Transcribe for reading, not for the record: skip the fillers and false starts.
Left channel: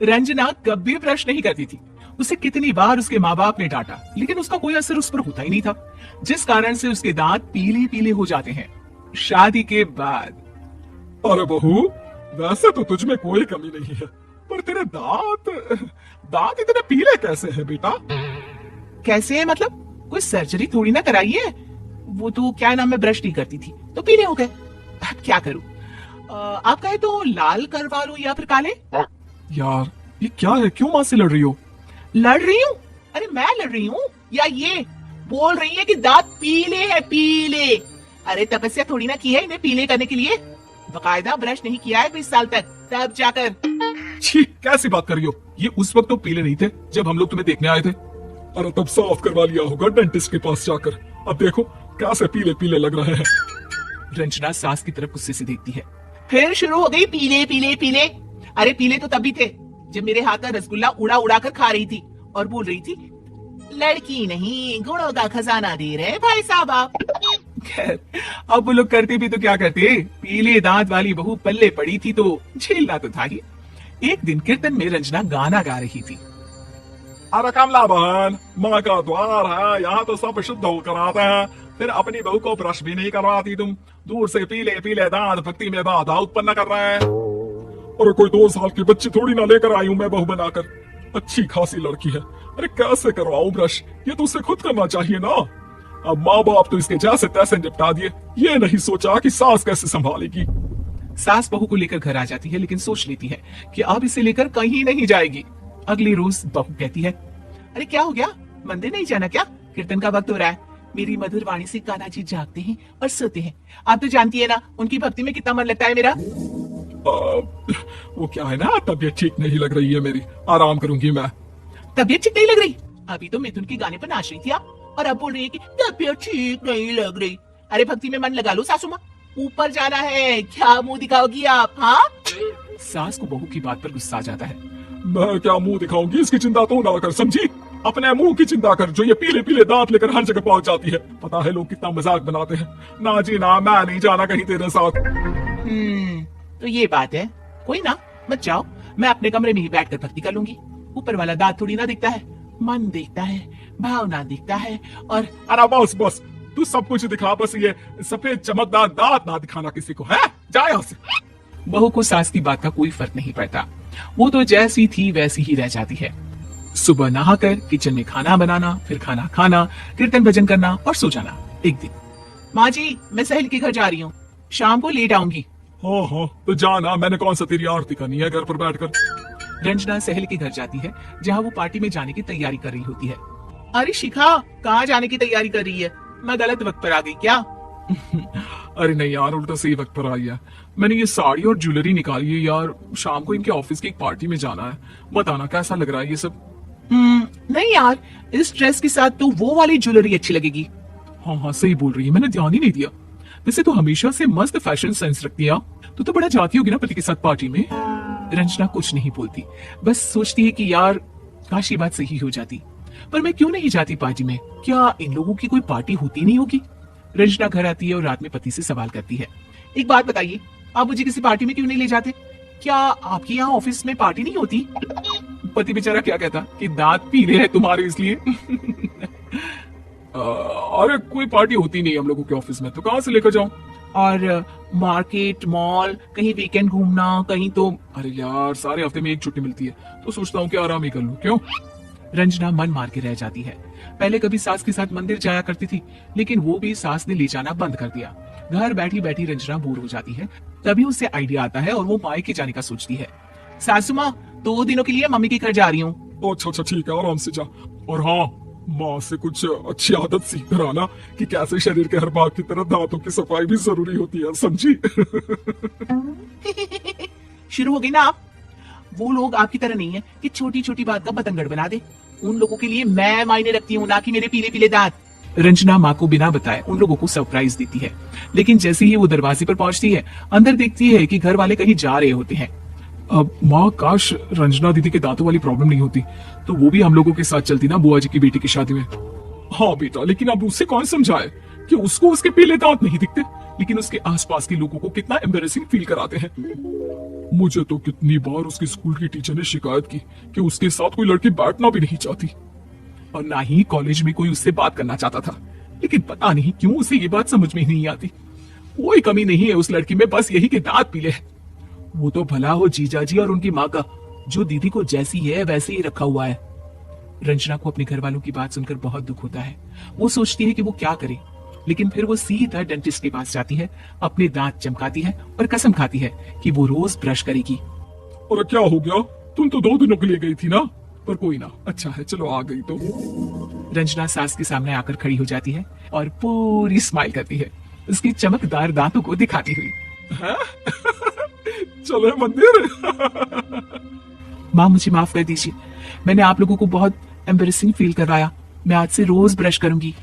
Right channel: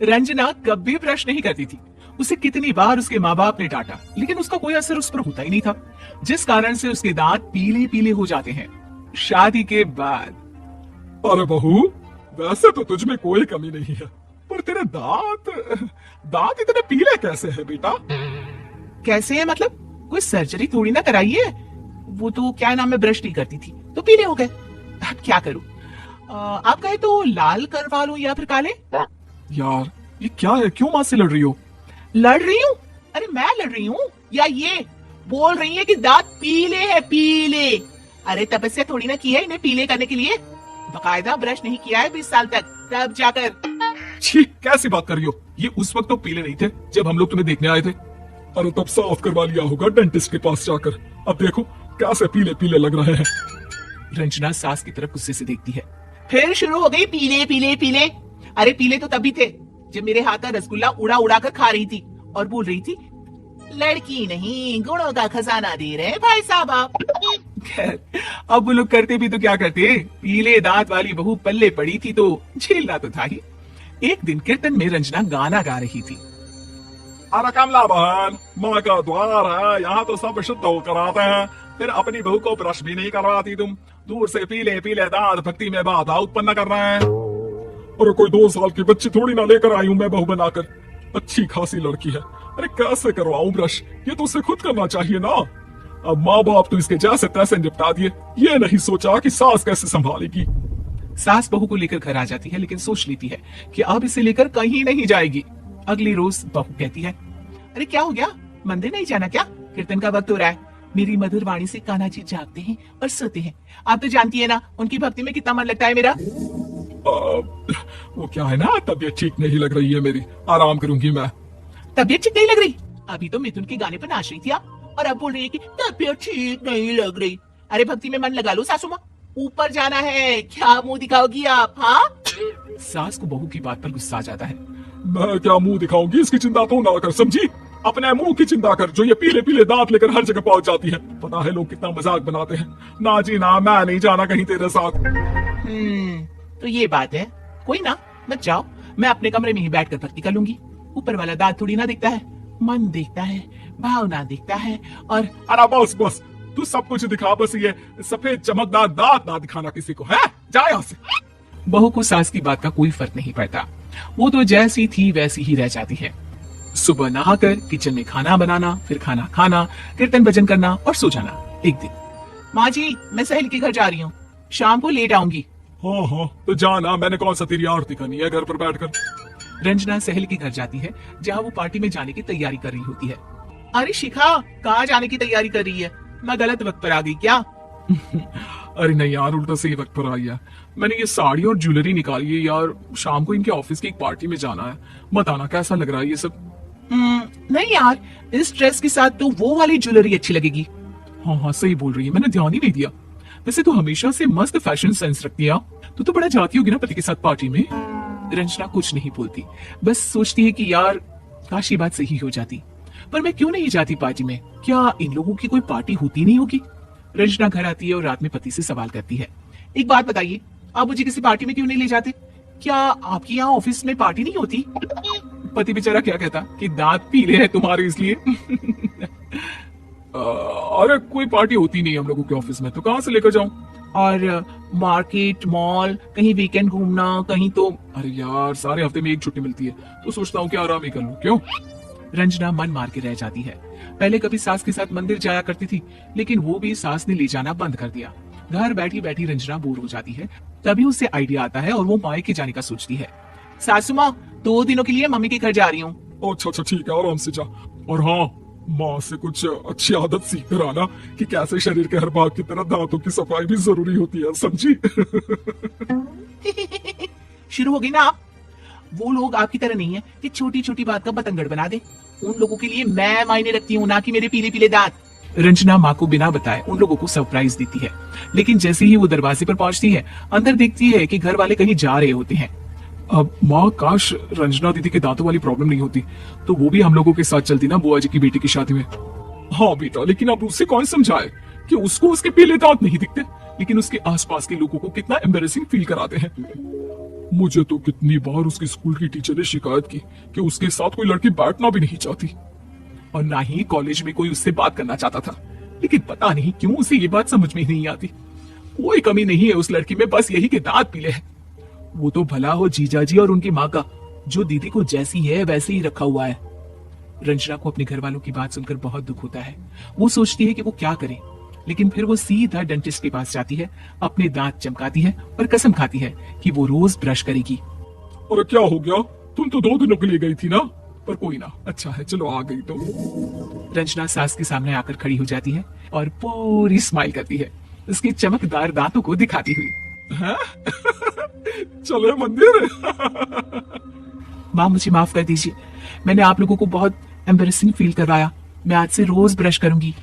रंजना कभी ब्रश नहीं करती थी। उसे कितनी बार उसके माँ बाप ने डांटा, लेकिन उसका कोई असर उस पर होता ही नहीं था, जिस कारण से उसके दांत पीले पीले हो जाते हैं। शादी के बाद अरे बहू, वैसे तो तुझ में कोई कमी नहीं है, पर तेरे दांत दांत इतने पीले कैसे हैं बेटा? कैसे है मतलब? कोई सर्जरी थोड़ी ना कराई है। वो तो क्या नाम, मैं ब्रश नहीं करती थी तो पीले हो गए। अब क्या करूं? आप कहे तो लाल करवा लूं या फिर काले? यार ये क्या है, क्यों माँ से लड़ रही हो? लड़ रही हूँ? अरे मैं लड़ रही हूँ या ये बोल रही है कि दांत पीले हैं, पीले। अरे तपस्या थोड़ी ना की है इन्हें पीले करने के लिए, बकायदा ब्रश नहीं किया है 20 साल तक, तब जाकर। छी, कैसी बात कर रही हो? ये उस वक्त तो पीले नहीं थे जब हम लोग तुम्हें देखने आए थे। अरे तब साफ करवा लिया होगा डेंटिस्ट के पास जाकर। अब देखो कैसे पीले पीले लग रहे हैं। रंजना सास की तरफ गुस्से से देखती है। फिर शुरू हो गई पीले पीले पीले। अरे पीले तो तभी थे जब मेरे हाथ का रसगुल्ला उड़ा उड़ा कर खा रही थी और बोल रही थी, लड़की नहीं गुणों का खजाना दे रहे भाई साहब आप। खैर, अब वो लोग करते भी तो क्या करते, पीले दांत वाली बहू पल्ले पड़ी थी तो झेलना तो था ही। एक दिन कीर्तन में रंजना गाना गा रही थी। अरे कमला बहन, माँ का द्वार है, यहाँ तो सब शुद्ध होकर आते हैं, फिर अपनी बहू को ब्रश भी नहीं करवाती तुम। दूर से पीले पीले दांत भक्ति में बाधा उत्पन्न कर रहे हैं। और कोई 2 साल की बच्ची थोड़ी ना लेकर आई हूँ मैं बहू बनाकर, अच्छी खासी लड़की है। अरे कैसे करवाऊं ब्रश, ये तो उसे खुद करना चाहिए ना। अब माँ बाप तो इसके जैसे तैसे निपटा दिए, ये नहीं सोचा कि सास कैसे संभालेगी। सास बहू को लेकर घर आ जाती है, लेकिन सोच लेती है कि अब इसे लेकर कहीं नहीं जाएगी। अगली रोज बहू कहती है, अरे क्या हो गया, मंदिर नहीं जाना क्या? कीर्तन का वक्त हो रहा है। मेरी मधुर वाणी से कान्हा जी जागते हैं और सोते हैं। आप तो जानती है ना उनकी भक्ति में कितना मन लगता है मेरा। वो क्या है ना, तबीयत ठीक नहीं लग रही है मेरी, आराम करूंगी मैं। तबीयत ठीक नहीं लग रही? अभी तो मिथुन के गाने पर नाच रही थी आप, और अब बोल रही है कि तबीयत ठीक नहीं लग रही। अरे भक्ति में मन लगा लो सासू माँ, ऊपर जाना है, क्या मुंह दिखाओगी आप? हाँ। सास को बहू की बात पर गुस्सा आ जाता है। मैं क्या मुंह दिखाऊंगी, इसकी चिंता तू ना कर, समझी? अपने मुंह की चिंता कर, जो ये पीले पीले दांत लेकर हर जगह पहुंच जाती है। पता है लोग कितना मजाक बनाते हैं। ना जी ना, मैं नहीं जाना कहीं तेरे साथ। तो ये बात है, कोई ना, मत जाओ, मैं अपने कमरे में ही बैठकर भक्ति कर लूंगी। ऊपर वाला दांत थोड़ी ना दिखता है, मन दिखता है, भावना दिखता है। और अरे बस बस, तू सब कुछ दिखा, बस ये सफेद चमकदार दांत ना दिखाना किसी को, है? जा यहाँ से। बहू को सास की बात का कोई फर्क नहीं पड़ता, वो तो जैसी थी वैसी ही रह जाती है। सुबह नहाकर किचन में खाना बनाना, फिर खाना खाना, कीर्तन भजन करना और सो जाना। एक दिन, माँ जी मैं सहेली के घर जा रही हूँ, शाम को लेट आऊंगी। हाँ हाँ तो जाना, मैंने कौन सा तेरी आरती करनी है घर पर बैठकर। रंजना सहेली के घर जाती है, जहाँ वो पार्टी में जाने की तैयारी कर रही होती है। अरे शिखा, कहाँ जाने की तैयारी कर रही है? मैं गलत वक्त पर आ गई क्या? अरे नहीं यार, उल्टा सही वक्त पर आई है। मैंने ये साड़ी और ज्वेलरी निकाली है यार, शाम को इनके ऑफिस की एक पार्टी में जाना है। बताना कैसा लग रहा है ये सब? नहीं यार, इस ड्रेस के साथ तो वो वाली ज्वेलरी अच्छी लगेगी। हाँ हाँ सही बोल रही है, मैंने ध्यान ही नहीं दिया। वैसे तो हमेशा से मस्त फैशन सेंस रखती है, तो बड़ा जाती होगी ना पति के साथ पार्टी में। रंजना कुछ नहीं बोलती, बस सोचती है कि यार काश ये बात सही हो जाती, पर मैं क्यों नहीं जाती पार्टी में? क्या इन लोगों की कोई पार्टी होती नहीं होगी? रंजना घर आती है और रात में पति से सवाल करती है, एक बात बताइए, आप मुझे किसी पार्टी में क्यों नहीं ले जाते? क्या आपके यहाँ ऑफिस में पार्टी नहीं होती? पति बेचारा क्या कहता कि दांत पीले हैं तुम्हारे इसलिए। अरे कोई पार्टी होती नहीं हम लोगों के ऑफिस में, तो कहाँ से लेकर जाऊं? और मार्केट, मॉल, कहीं वीकेंड घूमना, कहीं तो। अरे यार सारे हफ्ते में एक छुट्टी मिलती है, तो सोचता हूँ कि आराम ही कर लूं। क्यों? रंजना मन मार के रह जाती है। पहले कभी सास के साथ मंदिर जाया करती थी, लेकिन वो भी सास ने ले जाना बंद कर दिया। घर बैठी बैठी रंजना बोर हो जाती है, तभी उसे आइडिया आता है और वो मायके जाने का सोचती है। सासू माँ, 2 दिनों के लिए मम्मी के घर जा रही हूँ। अच्छा अच्छा ठीक है, आराम से जा। और हाँ, माँ से कुछ अच्छी आदत सीख कर आना कि कैसे शरीर के हर भाग की तरह दांतों की सफाई भी जरूरी होती है, समझी? शुरू होगी ना आप? वो लोग आपकी तरह नहीं है कि छोटी छोटी बात का बतंगड़ बना दे। उन लोगों के लिए मैं मायने रखती हूँ, ना कि मेरे पीले पीले दांत। रंजना माँ को बिना बताए उन लोगों को सरप्राइज देती है, लेकिन जैसे ही वो दरवाजे पर पहुंचती है, अंदर देखती है कि घर वाले कहीं जा रहे होते हैं। अब माँ, काश रंजना दीदी के दांतों वाली प्रॉब्लम नहीं होती, तो वो भी हम लोगों के साथ चलती ना बुआ जी की बेटी की शादी में। हाँ बेटा, लेकिन अब उससे कौन समझाए कि उसको उसके पीले दांत नहीं दिखते, लेकिन उसके आसपास के लोगों को कितना एम्बेरेसिंग फील कराते हैं। मुझे तो कितनी बार उसकी स्कूल की टीचर ने शिकायत की कि उसके साथ कोई लड़की बैठना भी नहीं चाहती, और ना ही कॉलेज में कोई उससे बात करना चाहता था। लेकिन पता नहीं क्यों उसे ये बात समझ में ही नहीं आती। कोई कमी नहीं है उस लड़की में, बस यही कि दांत पीले हैं। वो तो भला हो जीजा जी और उनकी माँ का, जो दीदी को जैसी है वैसे ही रखा हुआ है। रंजना को अपने घर वालों की बात सुनकर बहुत दुख होता है। वो सोचती है कि वो क्या करे, लेकिन फिर वो सीधा डेंटिस्ट के पास जाती है, अपने दांत चमकाती है और कसम खाती है कि वो रोज ब्रश करेगी। और क्या हो गया, तुम तो 2 दिनों के लिए गई थी ना। पर कोई ना, अच्छा है चलो आ गई तो। रंजना सास के सामने आकर खड़ी हो जाती है और पूरी स्माइल करती है, उसकी चमकदार दांतों को दिखाती हुई। हैं? चले मंदिर। माँ मुझे माफ कर दीजिए, मैंने आप लोगों को बहुत एम्बेरसिंग फील करवाया। मैं आज से रोज ब्रश करूंगी।